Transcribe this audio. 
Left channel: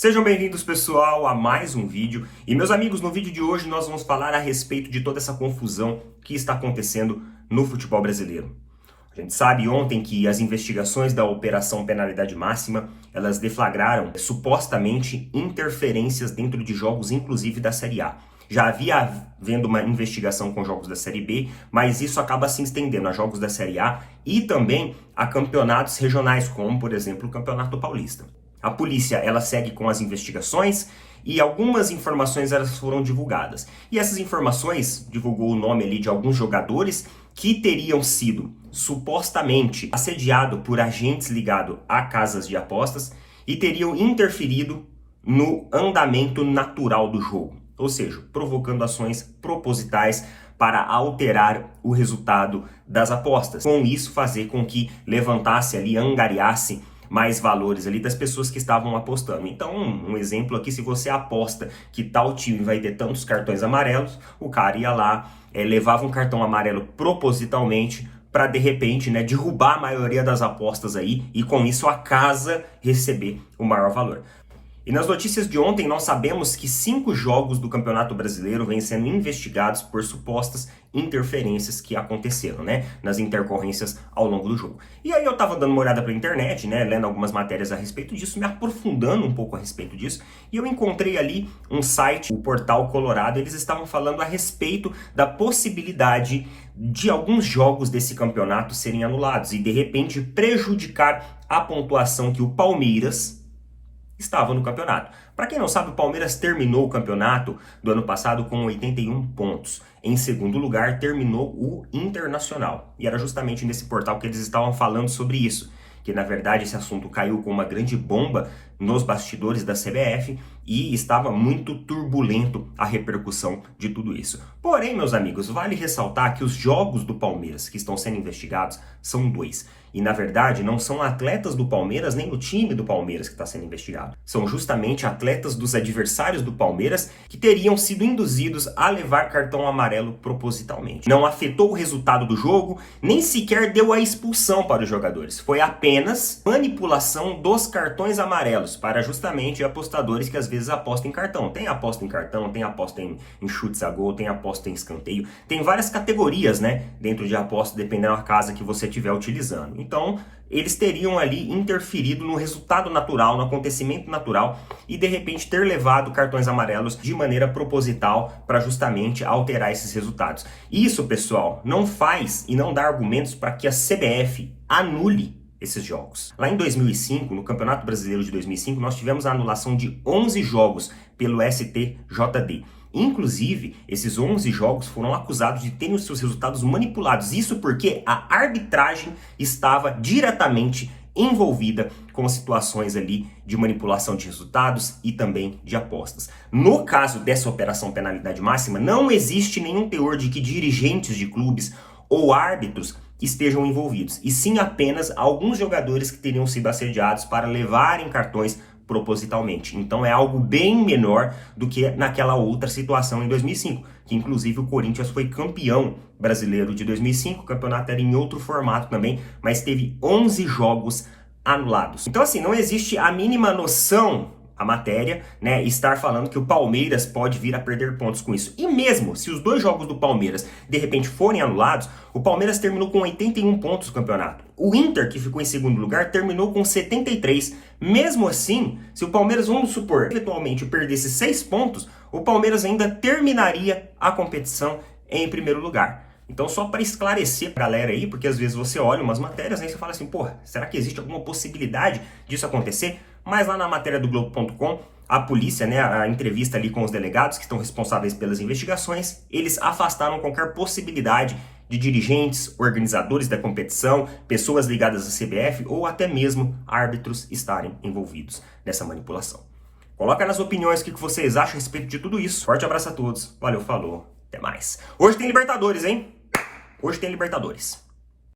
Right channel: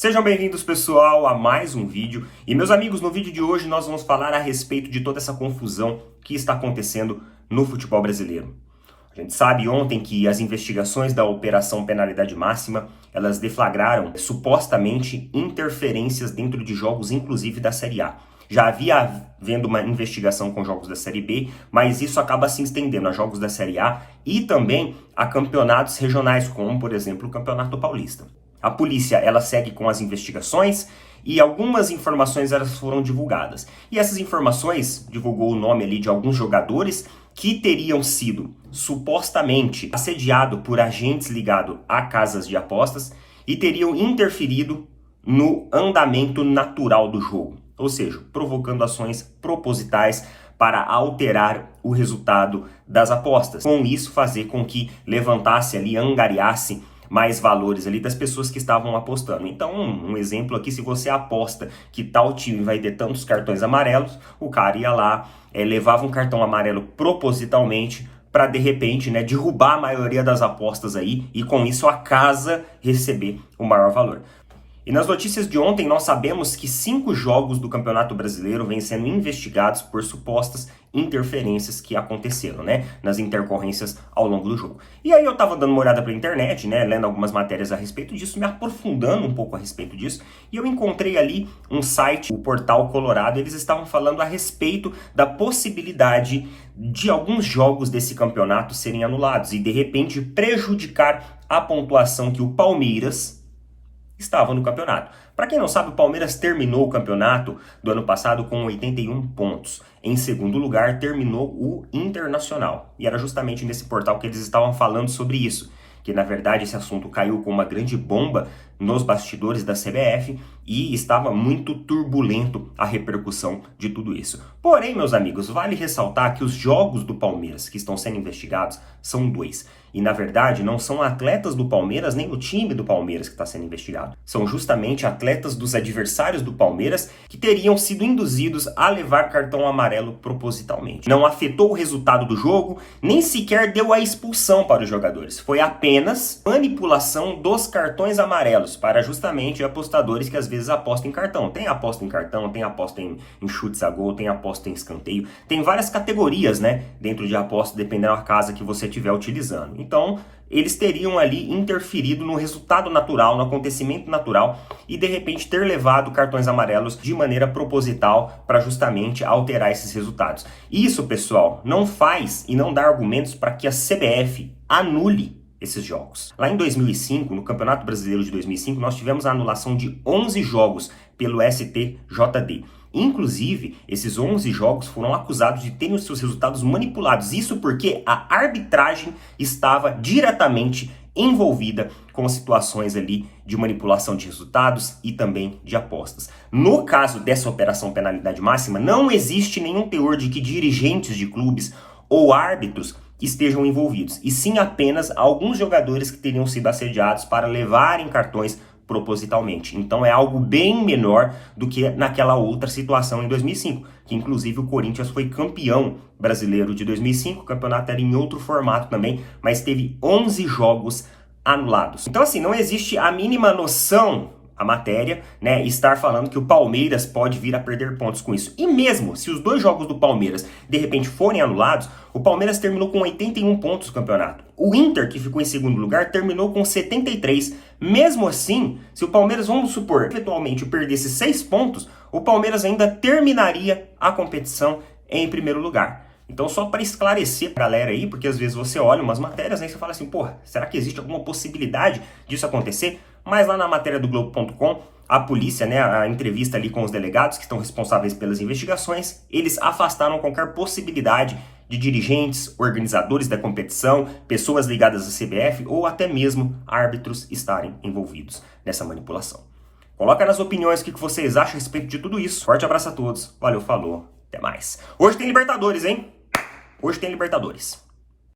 Sejam bem-vindos, pessoal, a mais um vídeo. E, meus amigos, no vídeo de hoje nós vamos falar a respeito de toda essa confusão que está acontecendo no futebol brasileiro. A gente sabe ontem que as investigações da Operação Penalidade Máxima, elas deflagraram supostamente interferências dentro de jogos, inclusive da Série A. Já havia havendo uma investigação com jogos da Série B, mas isso acaba se estendendo a jogos da Série A e também a campeonatos regionais, como, por exemplo, o Campeonato Paulista. A polícia, ela segue com as investigações e algumas informações elas foram divulgadas. E essas informações divulgou o nome ali de alguns jogadores que teriam sido supostamente assediados por agentes ligados a casas de apostas e teriam interferido no andamento natural do jogo. Ou seja, provocando ações propositais para alterar o resultado das apostas. Com isso, fazer com que levantasse ali, angariasse mais valores ali das pessoas que estavam apostando. Então, um exemplo aqui, se você aposta que tal time vai ter tantos cartões amarelos, o cara ia lá, levava um cartão amarelo propositalmente para, de repente, derrubar a maioria das apostas aí e, com isso, a casa receber o maior valor. E nas notícias de ontem, nós sabemos que 5 jogos do Campeonato Brasileiro vêm sendo investigados por supostas interferências que aconteceram, nas intercorrências ao longo do jogo. E aí eu tava dando uma olhada pela internet, lendo algumas matérias a respeito disso, me aprofundando um pouco a respeito disso, e eu encontrei ali um site, o Portal Colorado, eles estavam falando a respeito da possibilidade de alguns jogos desse campeonato serem anulados e, de repente, prejudicar a pontuação que o Palmeiras estava no campeonato. Para quem não sabe, o Palmeiras terminou o campeonato do ano passado com 81 pontos. Em segundo lugar, terminou o Internacional. E era justamente nesse portal que eles estavam falando sobre isso. Que, na verdade, esse assunto caiu com uma grande bomba nos bastidores da CBF e estava muito turbulento a repercussão de tudo isso. Porém, meus amigos, vale ressaltar que os jogos do Palmeiras que estão sendo investigados são 2. E, na verdade, não são atletas do Palmeiras nem o time do Palmeiras que está sendo investigado. São justamente atletas dos adversários do Palmeiras que teriam sido induzidos a levar cartão amarelo propositalmente. Não afetou o resultado do jogo, nem sequer deu a expulsão para os jogadores. Foi apenas manipulação dos cartões amarelos para justamente apostadores que às vezes apostam em cartão. Tem aposta em cartão, tem aposta em chutes a gol, tem aposta em escanteio. Tem várias categorias, dentro de aposta, dependendo da casa que você estiver utilizando. Então, eles teriam ali interferido no resultado natural, no acontecimento natural e, de repente, ter levado cartões amarelos de maneira proposital para justamente alterar esses resultados. Isso, pessoal, não faz e não dá argumentos para que a CBF anule esses jogos. Lá em 2005, no Campeonato Brasileiro de 2005, nós tivemos a anulação de 11 jogos pelo STJD. Inclusive, esses 11 jogos foram acusados de terem os seus resultados manipulados. Isso porque a arbitragem estava diretamente envolvida com situações ali de manipulação de resultados e também de apostas. No caso dessa Operação Penalidade Máxima, não existe nenhum teor de que dirigentes de clubes ou árbitros estejam envolvidos, e sim apenas alguns jogadores que teriam sido assediados para levarem cartões propositalmente. Então é algo bem menor do que naquela outra situação em 2005, que inclusive o Corinthians foi campeão brasileiro de 2005, o campeonato era em outro formato também, mas teve 11 jogos anulados. Então assim, não existe a mínima noção a matéria, estar falando que o Palmeiras pode vir a perder pontos com isso. E mesmo se os 2 jogos do Palmeiras de repente forem anulados, o Palmeiras terminou com 81 pontos no campeonato. O Inter, que ficou em segundo lugar, terminou com 73. Mesmo assim, se o Palmeiras, vamos supor, eventualmente perdesse 6 pontos, o Palmeiras ainda terminaria a competição em primeiro lugar. Então, só para esclarecer pra galera aí, porque às vezes você olha umas matérias e você fala assim, porra, será que existe alguma possibilidade disso acontecer? Mas lá na matéria do Globo.com, a polícia, a entrevista ali com os delegados que estão responsáveis pelas investigações, eles afastaram qualquer possibilidade de dirigentes, organizadores da competição, pessoas ligadas à CBF ou até mesmo árbitros estarem envolvidos nessa manipulação. Coloca nas opiniões o que vocês acham a respeito de tudo isso. Forte abraço a todos, valeu, falou, até mais. Hoje tem Libertadores, hein? Hoje tem Libertadores.